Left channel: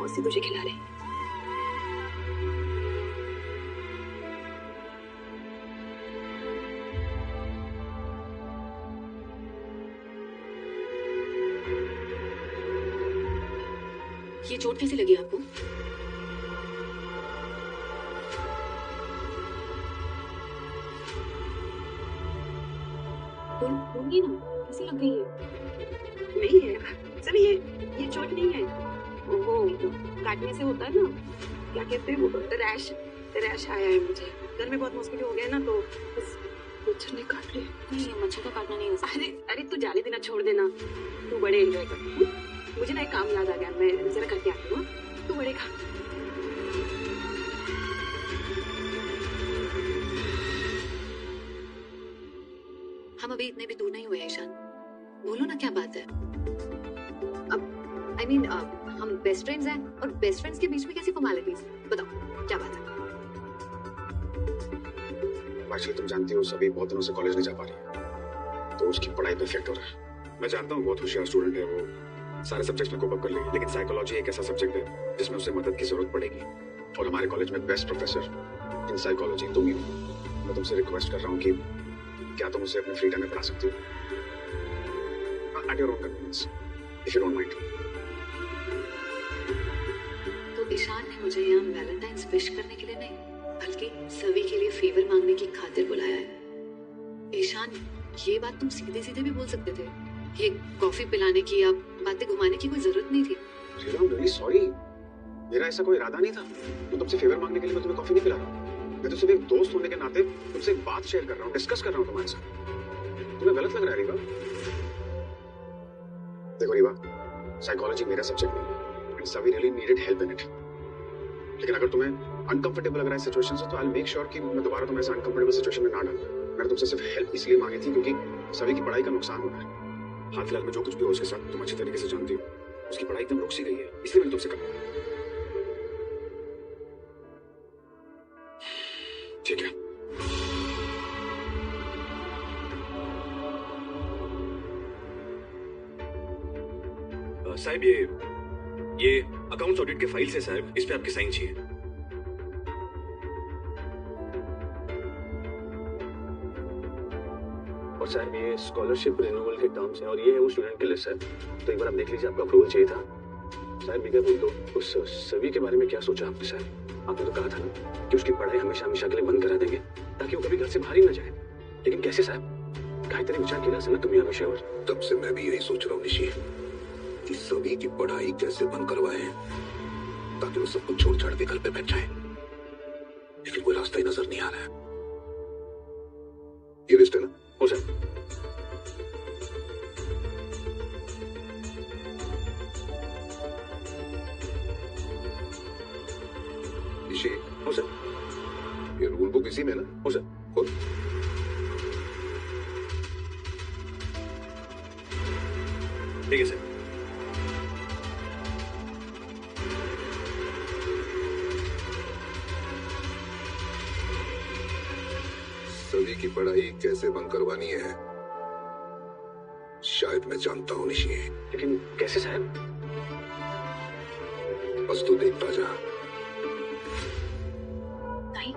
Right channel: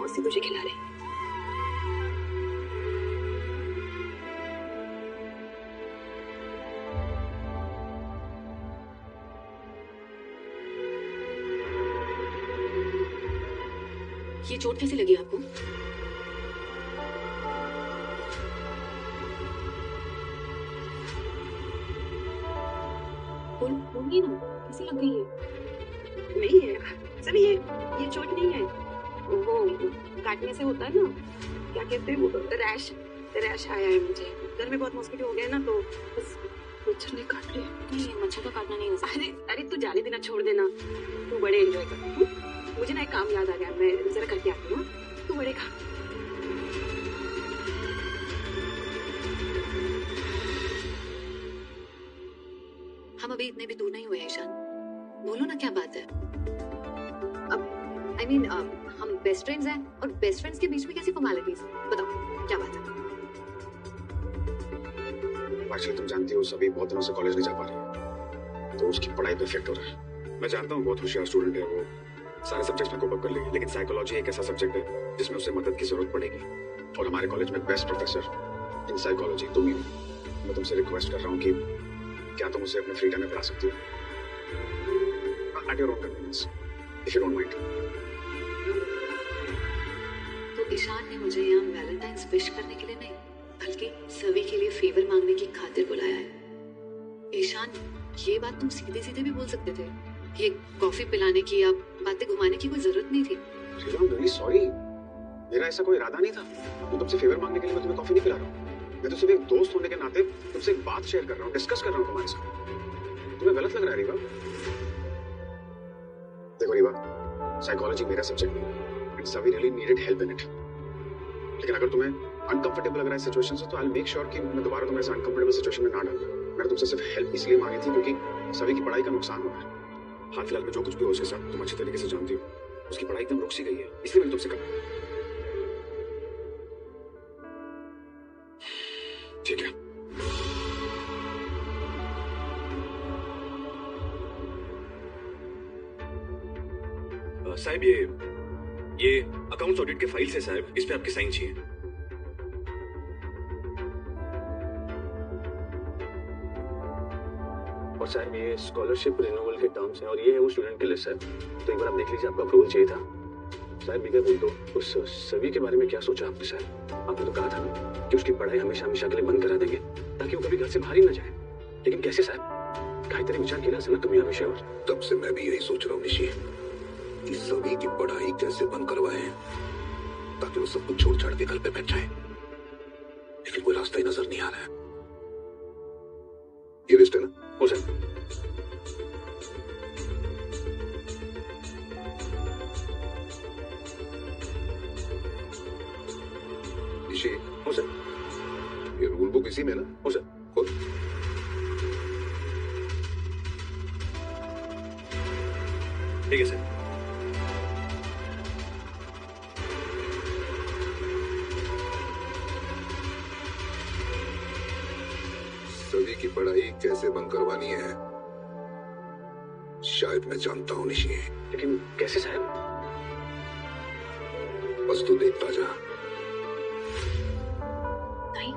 मौसी मुझे खिला रही। ये चोट कैसे लगी आपको? बोलिए ना, कैसे लग गई है? नहीं है सर, ये चोट नहीं है, वो काटने से होता है ना, क्या कहते हैं वो, रैश आया है मुझे। घर में बहुत मॉस्किटो हो गया ना, तो बस मच्छर ने काट लिया। तो मच्छर का काटना नहीं हो सकता। अरे तू जाने देना, छोड़ देना, तू बड़े एंजॉय कर। मुझे ना एक काम याद आ गया, मैं जरा करके आती हूँ, तू बड़े काम। हम अभी इतने भी दूर नहीं हुए ईशान, बोलो ना क्या बात है। अब I mean, हम बेस्ट फ्रेंड्स हैं और बेस्ट फ्रेंड्स के बीच में कैसी फॉर्मेलिटीज, बताओ क्या बात है। आजकल तुम जानती हो सभी बहुत दिनों से कॉलेज नहीं जा पा रही, तो उसकी पढ़ाई को इफेक्ट हो रही है। मैं जानता हूँ बहुत होशियार स्टूडेंट है वो, सारे सब्जेक्ट्स में कवर कर लेगी, लेकिन साइकोलॉजी एक ऐसा सब्जेक्ट है जिसमें उसे मदद की जरूरत पड़ेगी। और हमारे कॉलेज में बेस्ट प्रोफेसर इन साइकोलॉजी तुम ही हो। मैं तुमसे रिक्वेस्ट कर रहा हूँ कि क्या तुम उसे अपने फ्री टाइम में पढ़ा सकती हो? At your own convenience, if you don't mind. तो ईशान ने मुझे यहाँ वैलेंटाइंस विश करने के लिए नहीं, बल्कि सभी के लिए फेवर मांगने की खातिर बुलाया है। ईशान, ये बात तुम सीधे सीधे भी बोल सकते थे। ये कॉफी पिलाने की या बातें घुमाने की कोई जरूरत नहीं थी। I'm very sorry. मेरा ऐसा कोई इरादा नहीं था। मैं तुमसे फेवर मांगने के लिए मैं तुम्हें कॉफी नहीं पिला रहा हूँ। मैं तो सिर्फ एक दोस्त होने के नाते तुमसे एक बात शेयर कर रहा हूँ, डिस्कस कर रहा हूँ तुम्हारे साथ। तुम्हें गलत लग रहा है क्या? देखो रीवा, साइकोलॉजी मेरा सब्जेक्ट है एंड सभी really needed help in it. लेकिन अगर तुम्हें अनकंफर्टेबल लग रहा है सिचुएशन से, तो आई विल मेक श्योर कि मैं दोबारा तुम्हारे साथ अनकंफर्टेबल सिचुएशन में ना डालूं। मैंने तुमसे सिर्फ हेल्प इसलिए मांगी थी क्योंकि सभी की पढ़ाई का नुकसान होगा। हाल फिलहाल में जो कुछ भी हो उसके साथ तुम अच्छी तरीके से जानती हो, उसकी पढ़ाई कम रुक सी गई है, इसलिए मैंने तुमसे कहा। ठीक है, साहब ये अकाउंट ऑडिट की फाइल से साहब, इस पे आपकी साइन चाहिए। और साहब ये स्कॉलरशिप रिन्यूअल के टर्म्स हैं और ये है वो स्टूडेंट के लिस्ट है, तो एक बार आप देख लीजिए, आपका अप्रूवल चाहिए था। शायद मैं क्या बोल दूं, सभी के बारे में क्या सोचा आपने साहब? आपने तो कहा था ना कि उसकी पढ़ाई हमेशा हमेशा के लिए बंद करा देंगे ताकि वो कभी घर से बाहर ही ना जाए, लेकिन कैसे साहब? काहे तरह विचार किया ना तुम्हें हमेशा। और तब से मैं भी यही सोच रहा हूँ ऋषि, कि सभी की पढ़ाई कैसे बंद करवाए ताकि वो सब कुछ छोड़ छाड़ के घर पे बैठ जाए, लेकिन कोई रास्ता ही नजर नहीं आ रहा है। ये रिश्ता हो जाए। ऋषि, हो जाए। ये रूल बुक इसी में ना? हो जाए। ठीक है सर। सभी की पढ़ाई कैसे बंद करवानी है शायद मैं जानता हूँ ऋषि, लेकिन कैसे साहब? बस तू देखता जा। भाई,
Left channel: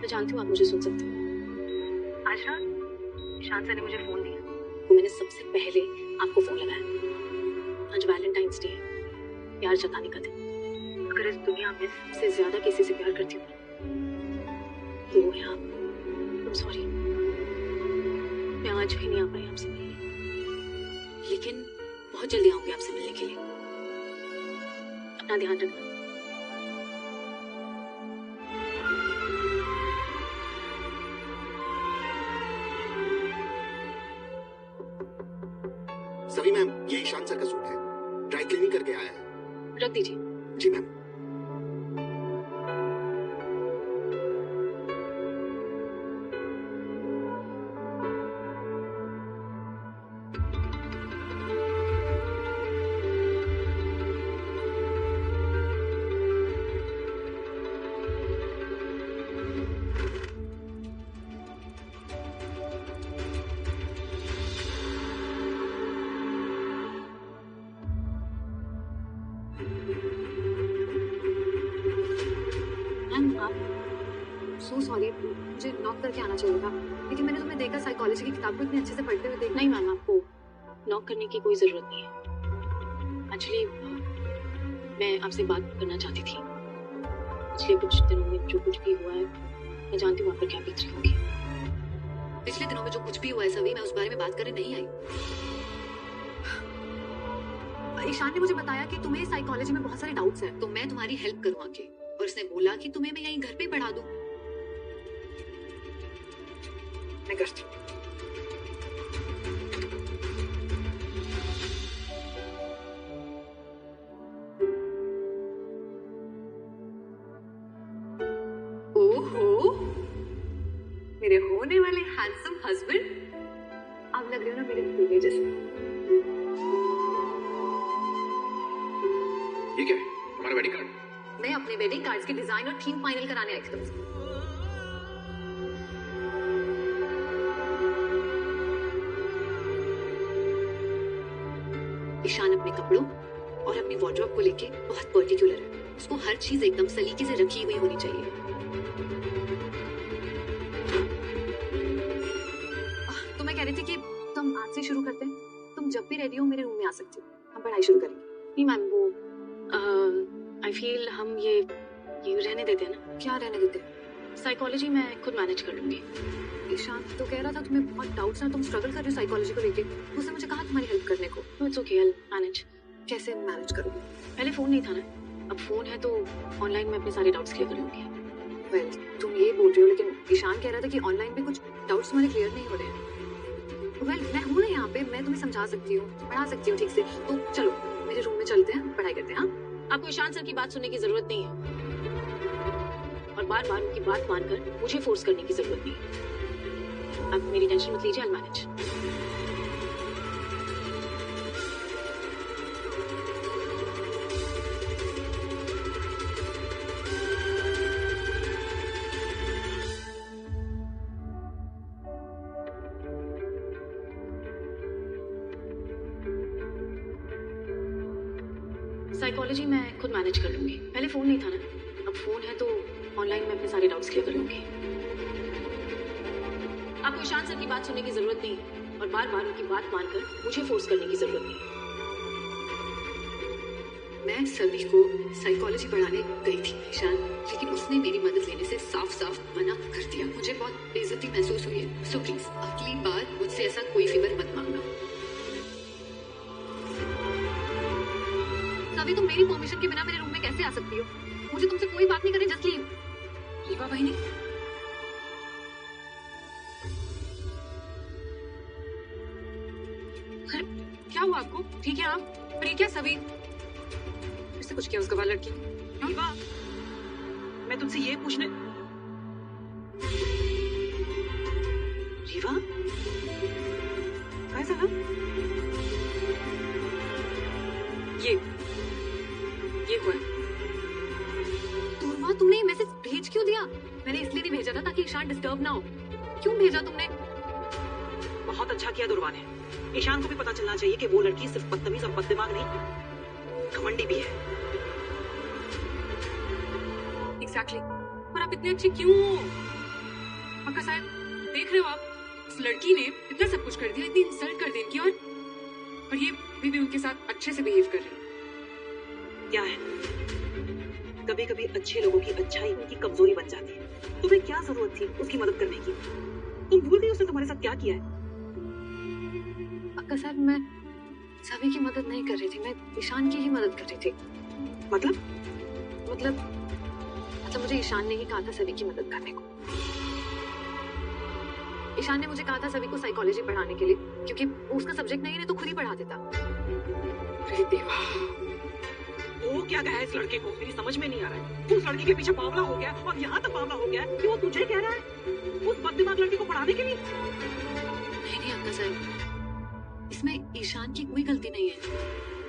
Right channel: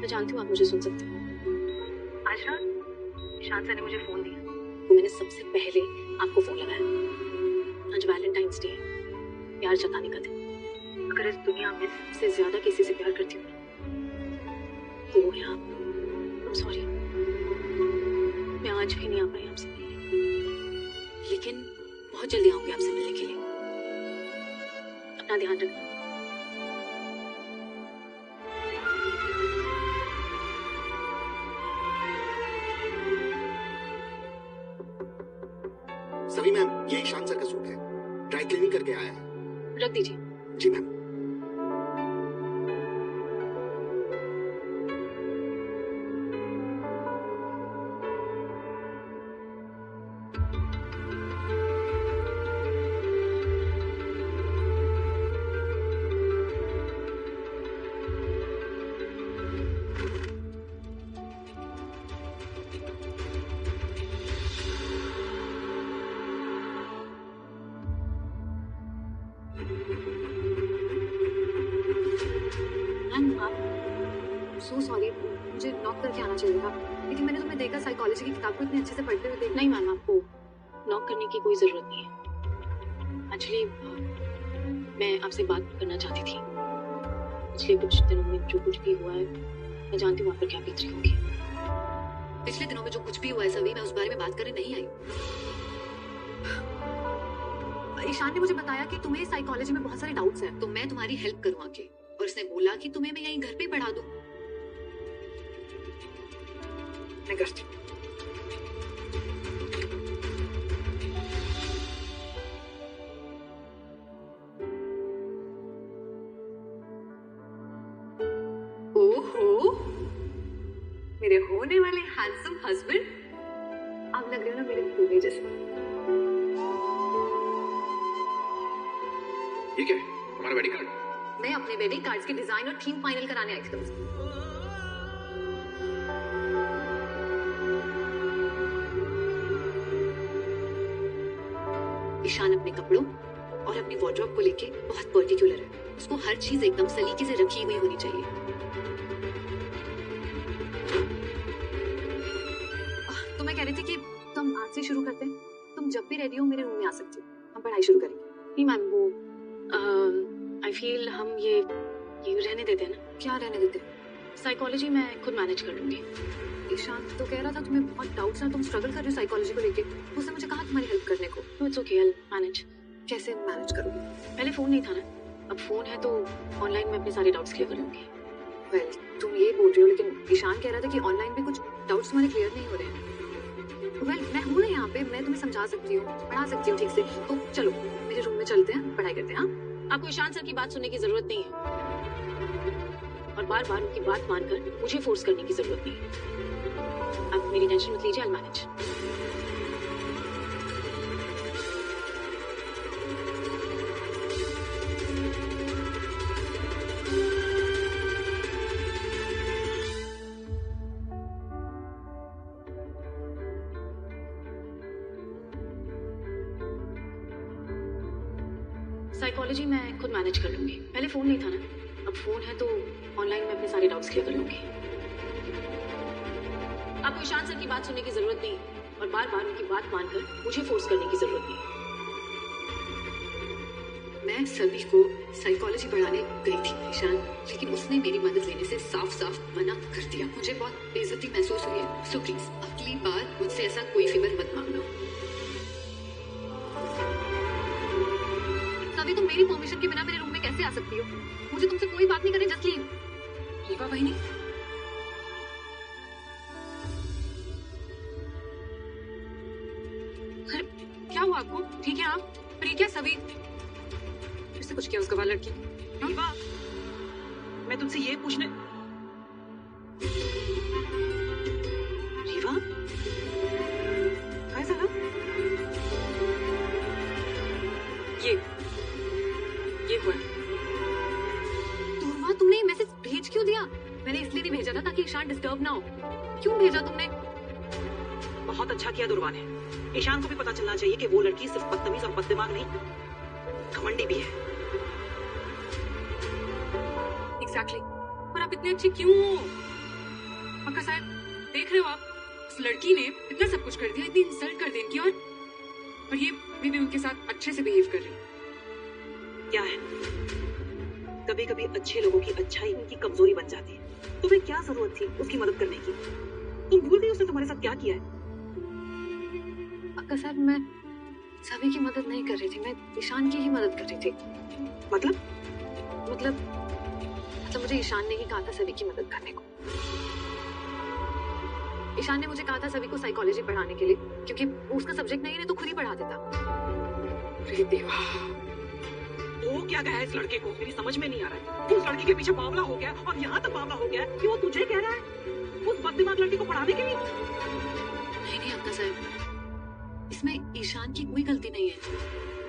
मैं जानती हूँ आप मुझे सुन सकते हो। आज रात शांत सर ने मुझे फोन दिया, तो मैंने सबसे पहले आपको फोन लगाया। आज वैलेंटाइंस डे है, प्यार जताने का दिन। अगर इस दुनिया में सबसे ज्यादा किसी से प्यार करती हूँ तो वो है आप। I'm sorry, मैं आज भी नहीं आ पाई आपसे मिलने, लेकिन बहुत जल्दी आऊंगी आपसे मिलने के लिए। अपना ध्यान रखना। सभी मैम, ये ईशान सर का सूट है, ड्राई क्लीनिंग करके आया है। रख दीजिए। जी मैम। से होगा, लेकिन मैंने तुम्हें देखा साइकोलॉजी की किताब को इतने अच्छे से पढ़ना। नहीं मैम, आपको लॉक करने की कोई जरूरत नहीं है। एक्चुअली मैं आपसे बात करना चाहती थी। पिछले कुछ दिनों में जो कुछ भी हुआ है, मैं जानती हूँ आप पर क्या बीत रही होगी। पिछले दिनों में जो कुछ भी हुआ है सभी, मैं उस बारे में बात करने नहीं आई। ईशान ने मुझे बताया कि तुम्हें साइकोलॉजी में बहुत सारे डाउट्स हैं, तो मैं तुम्हारी हेल्प करवा के, और उसने बोला कि तुम्हें मैं यहीं घर पे पढ़ा दूं। मैं करती हूँ। ओहो, मेरे होने वाले हैंडसम हस्बैंड, आप लग रहे हो ना मेरे बेटे जैसे। ठीक है, हमारा वेडिंग कार्ड। मैं अपने वेडिंग कार्ड्स के डिजाइन और थीम फाइनल कराने आई थी। ईशान अपने कपड़ों और अपनी वार्डरोब को लेके बहुत पर्टिकुलर है। उसको हर चीज एकदम सलीके से रखी हुई होनी चाहिए। तो मैं कह रही थी कि तुम आज से शुरू करते हैं। तुम जब भी रेडी हो मेरे रूम में आ सकती हो, हम पढ़ाई शुरू करेंगे। नहीं मैम, वो आई फील हम ये रहने देते हैं ना। क्या रहने देते हैं? साइकोलॉजी मैं खुद मैनेज कर लूंगी। ईशान तो कह रहा था तुम्हें बहुत डाउट्स है, तुम स्ट्रगल कर रहे हो साइकोलॉजी को लेके। उसने मुझे कहा तुम्हें हेल्प करने को। It's okay, I manage. कैसे मैनेज करूँ? पहले फोन नहीं था ना, अब फोन है तो ऑनलाइन में अपने सारे डाउट्स क्लियर कर लूंगी। वेल, तुम ये बोल रहे हो, लेकिन ईशान कह रहा था कि ऑनलाइन भी कुछ डाउट्स तुम्हारे क्लियर नहीं हो रहे हैं। वेल, मैं हूँ ना यहाँ पे, मैं तुम्हें समझा सकती हूँ, पढ़ा सकती हूँ ठीक से। तो चलो मेरे रूम में चलते हैं, पढ़ाई करते हैं। हाँ, आपको ईशान सर की बात सुनने की जरूरत नहीं है और बार बार उनकी बात मानकर मुझे फोर्स करने की जरूरत नहीं। आप मेरी टेंशन मत लीजिए, आई मैनेज। साइकोलॉजी मैं खुद मैनेज कर लूंगी। पहले फोन नहीं था ना, अब फोन है तो ऑनलाइन में अपने सारे डाउट्स क्लियर कर लूंगी। आपको ईशान सर की बात सुनने की जरूरत नहीं और बार बार उनकी बात मानकर मुझे फोर्स करने की जरूरत नहीं। मैं सभी को साइकोलॉजी पढ़ाने गई थी ईशान, लेकिन उसने मेरी मदद लेने से साफ साफ मना कर दिया। मुझे बहुत बेइज्जती महसूस हुई है। सो प्लीज अगली बार मुझसे ऐसा कोई फेवर मत मांगना। अभी तुम मेरी परमिशन के बिना मेरे रूम में कैसे आ सकती हो? मुझे तुमसे कोई बात नहीं करनी। Just leave. होगा भाई नहीं। क्या हुआ आपको? ठीक है आप? पर क्या सभी इससे कुछ क्या उसके बाद लड़की? मैं तुमसे ये पूछना। रीवा, कैसा है? ये हुआ। तो तुमने ये मैसेज भेज क्यों दिया? मैंने इसलिए नहीं भेजा था ताकि ईशान डिस्टर्ब ना हो। क्यों भेजा तुमने? बहुत अच्छा किया दुर्वा ने। ईशान को भी पता चलना चाहिए कि वो लड़की सिर्फ बदतमीज और बददिमाग नहीं, घमंडी भी है। एग्जैक्टली। पर आप इतने अच्छे क्यों? आपके साथ देख रहे हो आप, उस लड़की ने इतना सब कुछ कर दिया, इतनी इंसल्ट कर दी इनकी, और ये भी उनके साथ अच्छे से बिहेव कर रही है। क्या है, कभी कभी अच्छे लोगों की अच्छाई उनकी कमजोरी बन जाती है। तुम्हें क्या जरूरत थी उसकी मदद करने की? तुम भूल गई उसने तुम्हारे साथ क्या किया है? अक्का साहब, मैं सभी की मदद नहीं कर रही थी, मैं ईशान की ही मदद कर रही थी। मतलब मुझे ईशान ने ही कहा था सभी की मदद करने को। ईशान ने मुझे कहा था सभी को साइकोलॉजी पढ़ाने के लिए, क्योंकि वो उसका सब्जेक्ट नहीं है तो खुद ही पढ़ा देता। अरे देवा, वो क्या कहा इस लड़के को? मेरी समझ में नहीं आ रहा है। वो उस लड़की के पीछे बावला हो गया और यहाँ तक बावला हो गया कि वो तुझे कह रहा है उस बददिमाग लड़की को पढ़ाने के लिए। नहीं अक्का साहब, इसमें ईशान की कोई गलती नहीं है।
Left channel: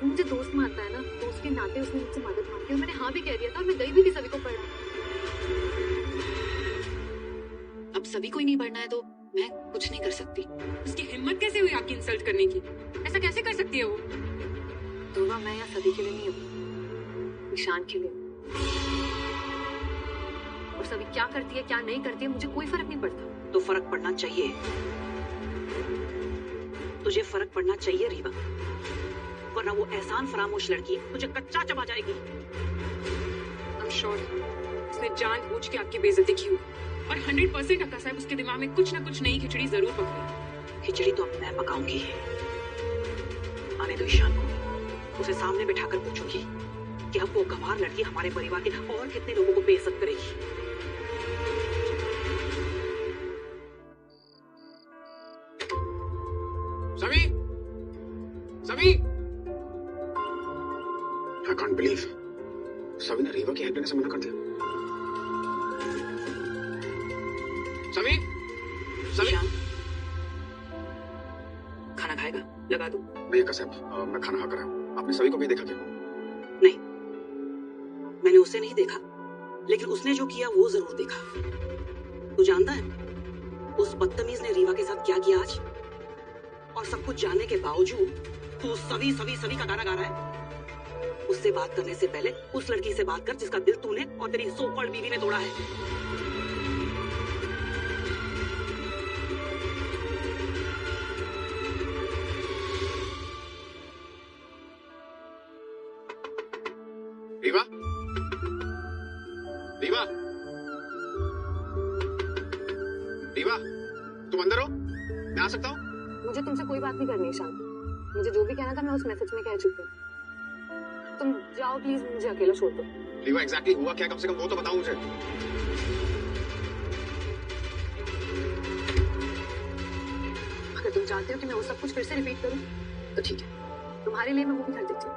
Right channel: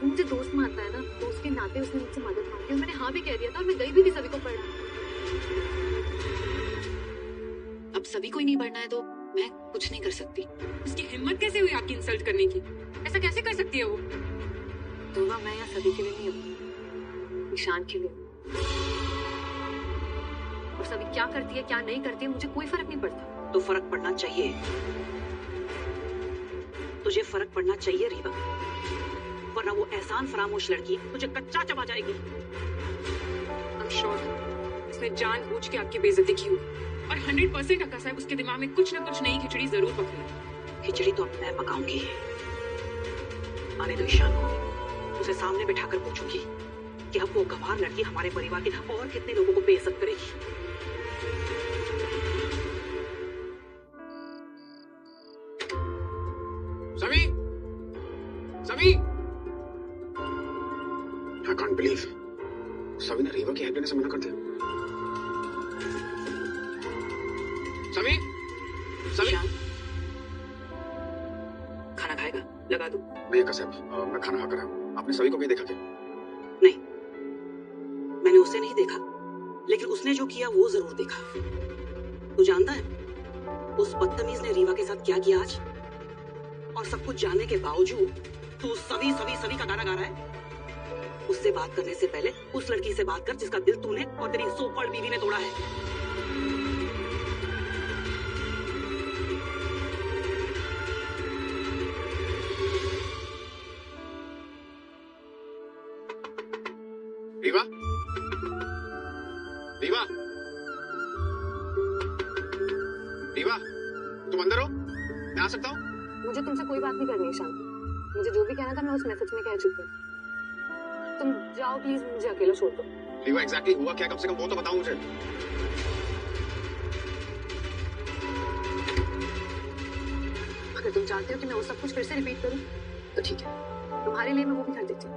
वो मुझे दोस्त मानता है ना, उसके नाते उसने मुझसे मदद मांगी और मैंने हाँ भी कह दिया था। मैं गई भी नहीं सभी को पढ़ाने। अब सभी को ही नहीं पढ़ना है तो मैं कुछ नहीं कर सकती। उसकी हिम्मत कैसे हुई आपकी इंसल्ट करने की? ऐसा कैसे कर सकती है वो? तो मैं यहाँ सभी के लिए नहीं हूँ, ईशान के लिए। और सभी क्या करती है क्या नहीं करती है मुझे कोई फर्क नहीं पड़ता। तो फर्क पड़ना चाहिए, तुझे फर्क पड़ना चाहिए रीवा, वरना वो एहसान फरामोश लड़की तुझे कच्चा चबा जाएगी। I'm sure उसने जानबूझ के आपकी बेइज्जती की और 100% अक्का साहब उसके दिमाग में कुछ ना कुछ नई खिचड़ी जरूर पकड़ेगी। खिचड़ी तो अब मैं पकाऊंगी। आने दो ईशान को, उसे सामने बैठाकर पूछूंगी कि अब वो गंवार लड़की हमारे परिवार के और कितने लोगों को बेइज्जत करेगी। सभी सभी I can't believe सभी ने रीवा की हेल्प लेने से मना कर दिया। सभी सभी खाना खाएगा? लगा दूं? भैया कसम मैं खाना खा कर आया हूं। आपने सभी को भी देखा था? नहीं, मैंने उसे नहीं देखा, लेकिन उसने जो किया वो जरूर देखा। तू जानता है उस बदतमीज ने रीवा के साथ क्या किया आज? और सब कुछ जानने के बावजूद तू सभी सभी सभी का गाना गा रहा है। उससे बात करने से पहले उस लड़की से बात कर जिसका दिल तूने और तेरी सुपर बीवी ने तोड़ा है। रीवा रीवा रीवा तुम अंदर हो? मैं आ सकता हूँ? मुझे तुमसे कोई बात नहीं करनी ईशान। मुझे जो भी कहना था मैं उस मैसेज में कह चुकी हूँ। तुम जाओ प्लीज, मुझे अकेला छोड़ दो। रीवा एग्जैक्टली हुआ क्या, कम से कम वो तो बताओ मुझे। अगर तुम चाहते हो कि मैं वो सब कुछ फिर से रिपीट करूँ तो ठीक है, तुम्हारे लिए मैं वो भी कर देती हूँ।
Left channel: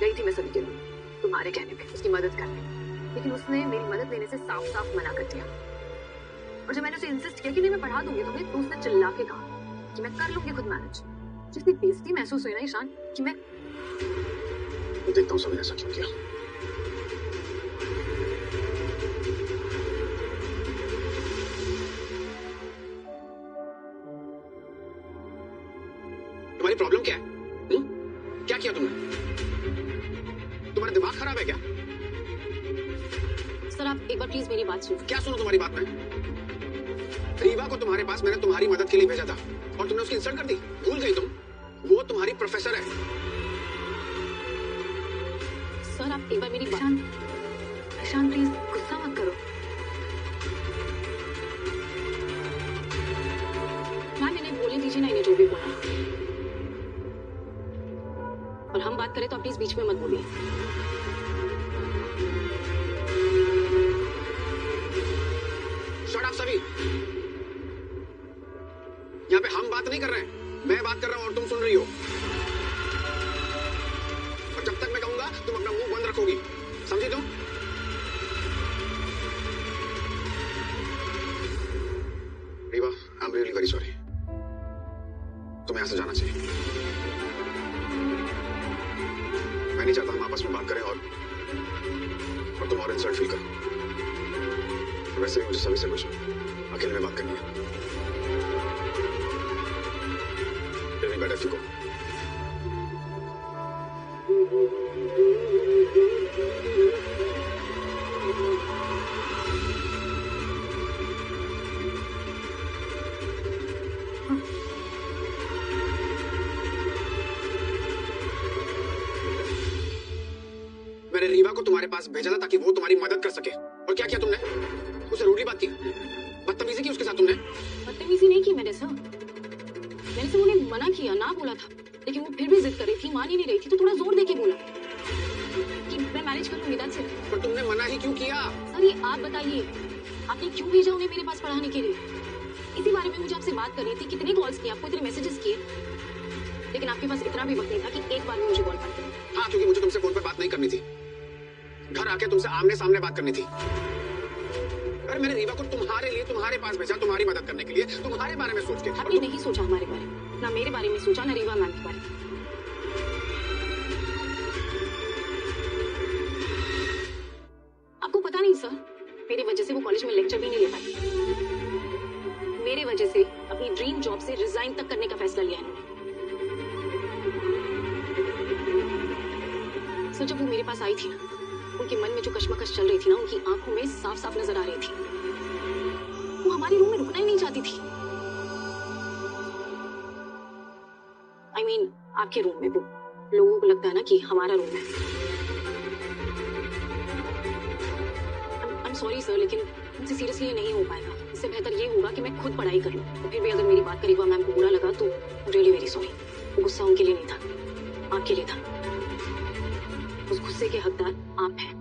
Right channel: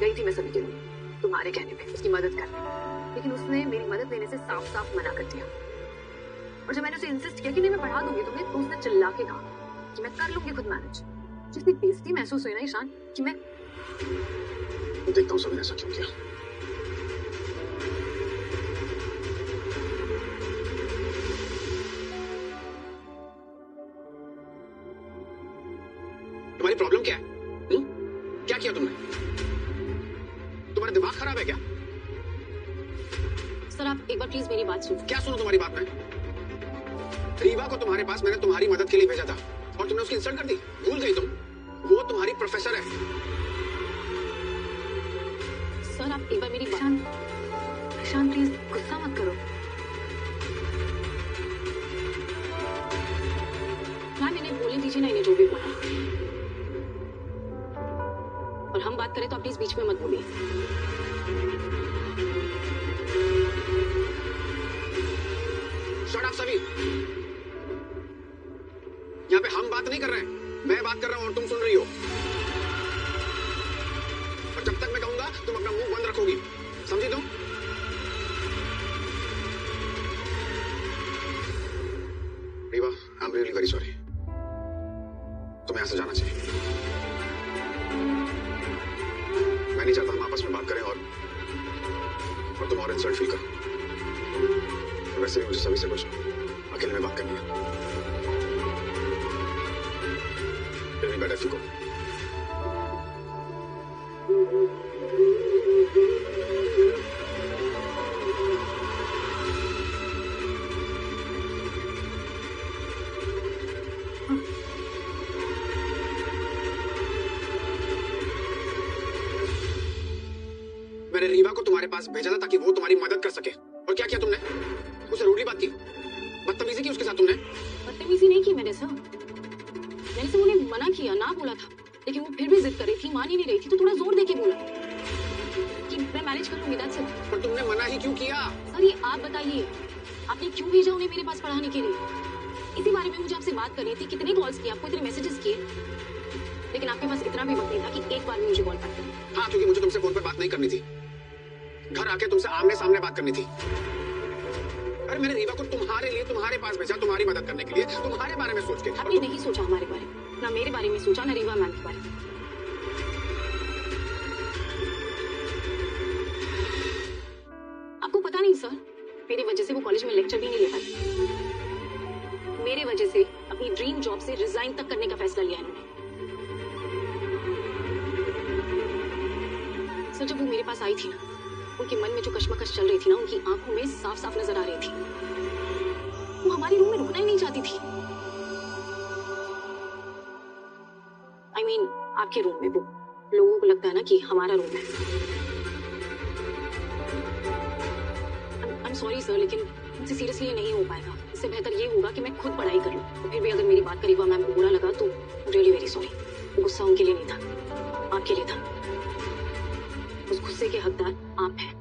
गई थी मैं सभी के लिए तुम्हारे कहने पे उसकी मदद करने, लेकिन उसने मेरी मदद लेने से साफ साफ मना कर दिया। और जब मैंने उसे इंसिस्ट किया कि नहीं मैं बढ़ा दूंगी तुम्हें, तो उसने चिल्ला के कहा कि मैं कर लूंगी खुद मैनेज। जितनी बेइज्जती महसूस हुई ना ईशान कि मैं देखता हूँ सभी ने सच किया। तुम्हारी प्रॉब्लम क्या है? क्या किया तुमने? तुम्हारा दिमाग खराब है क्या? सर आप एक बार प्लीज मेरी बात सुनो। क्या सुनो तुम्हारी बात में? रीवा को तुम्हारे पास मैंने तुम्हारी मदद के लिए भेजा था और तुमने उसकी इंसल्ट कर दी। भूल गई तुम? वो तुम्हारी प्रोफेसर है। सर आप एक बार मेरी बात ईशान प्लीज गुस्सा मत करो। क्या मैंने बोली दीजिए ना इन्हें जो भी बोला, और हम बात करें तो प्लीज बीच में मत बोलिए। शट अप सभी। यहाँ पे हम बात नहीं कर रहे हैं, मैं बात कर रहा हूँ और तुम सुन रही हो। और जब तक मैं कहूंगा तुम अपना मुंह बंद रखोगी, समझी तुम? Rewa I am really very sorry. तुम्हें यहाँ से जाना चाहिए। मैं नहीं चाहता हम आपस में बात करें और तुम्हारा इंसल्ट फील करूं। वैसे भी मुझे सभी से कुछ अकेले में बात करनी है। It will be better if you go. मैंने रीवा को तुम्हारे पास भेजा था ताकि वो तुम्हारी मदद कर सके, और क्या किया तुमने? उसे रूडली बात की, बदतमीजी की उसके साथ तुमने। बदतमीजी नहीं की मेरे साथ, मैंने से उन्हें मना किया, ना बोला था, लेकिन वो फिर भी जिद कर रही थी, मान ही नहीं रही थी, तो थोड़ा जोर देके बोला कि मैं मैनेज करूंगी। That's it. पर तुमने मना ही क्यों किया? सर ये आप बताइए, आपने क्यों भेजा उन्हें मेरे पास पढ़ाने के लिए? इसी बारे में मुझे आपसे बात करनी थी। कितनी कॉल्स की आपको, इतने मैसेजेस किए, लेकिन आपके पास इतना भी वक्त नहीं था कि एक बार में मुझे कॉल करते। हाँ, क्योंकि मुझे तुमसे फोन पर बात नहीं करनी थी, घर आके तुमसे आमने सामने बात करनी थी। और मैंने रीवा को तुम्हारे लिए तुम्हारे पास भेजा, तुम्हारी मदद करने के लिए, तुम्हारे बारे में सोच के। आपने नहीं सोचा हमारे बारे में, ना मेरे बारे में सोचा, ना रीवा मैम के बारे में। आपको पता नहीं सर, मेरी वजह से वो कॉलेज में लेक्चर भी नहीं ले पाई। मेरी वजह से अपनी ड्रीम जॉब से रिजाइन तक करने का फैसला लिया। सर जब वो मेरे पास आई थी ना, उनके मन में जो कश्मकश चल रही थी ना, उनकी आंखों में साफ साफ नजर आ रही थी। वो हमारे रूम में रुकना ही नहीं चाहती थी। आपके रूम में लोगों को लगता है ना कि हमारा रूम है। सॉरी सर, लेकिन मुझसे सीरियसली नहीं हो पाएगा। इससे बेहतर ये होगा कि मैं खुद पढ़ाई कर लूँ। फिर भी अगर मेरी बात करेगा मैम को बुरा लगा तो रियली वेरी सॉरी। गुस्सा उनके लिए नहीं था, आपके लिए था। उस गुस्से के हकदार आप हैं।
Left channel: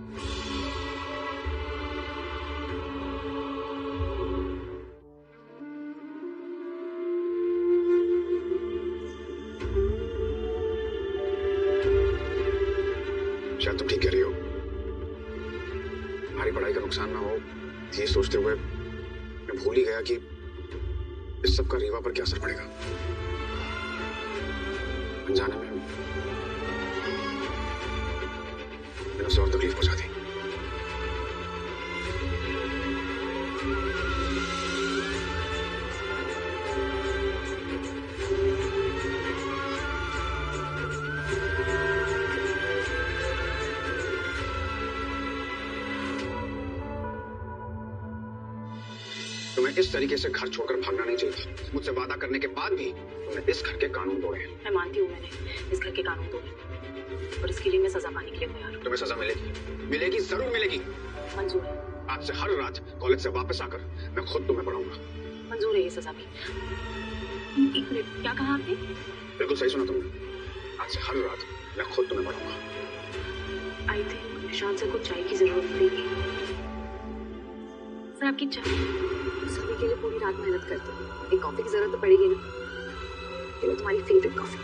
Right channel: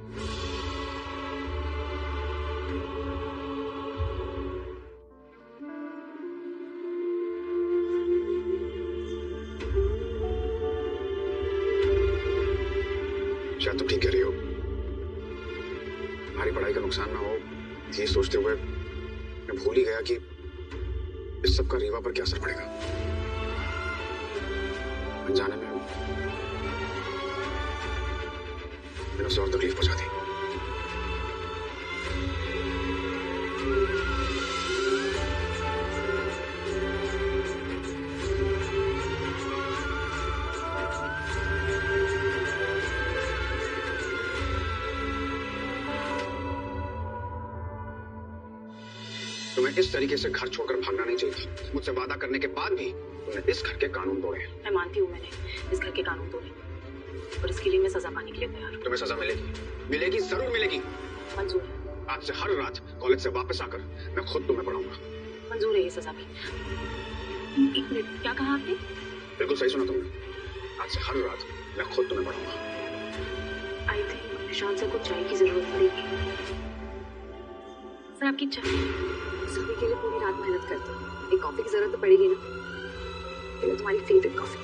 शायद तुम ठीक कह रही हो। हमारी पढ़ाई का नुकसान ना हो, इसलिए सोचते हुए मैं भूल ही गया कि इस सब का रीवा पर क्या असर पड़ेगा। अनजाने में मैंने उसे और तकलीफ पहुंचा दी। तुम्हें इस तरीके से घर छोड़कर भागना नहीं चाहिए। मुझसे वादा करने के बाद भी तुमने इस घर के कानून तोड़े। मैं मानती हूँ मैंने इस घर के कानून तोड़े, और इसके लिए मैं सजा पाने के लिए तैयार हूँ। तुम्हें सजा मिलेगी, मिलेगी, जरूर मिलेगी। मंजूर है। आज से हर रात कॉलेज से वापस आकर मैं खुद तुम्हें पढ़ाऊंगा। मंजूर है ये सजा भी। एक मिनट, क्या कहा आपने? बिल्कुल सही सुना तुमने। आज से हर रात मैं खुद तुम्हें पढ़ाऊंगा। आई थिंक निशान सर को चाय की जरूरत पड़ेगी। सर आपकी चाय सभी के लिए पूरी रात मेहनत करती है। एक कॉफी की जरूरत तो पड़ेगी नहीं। ये तुम्हारी फेवरेट कॉफी।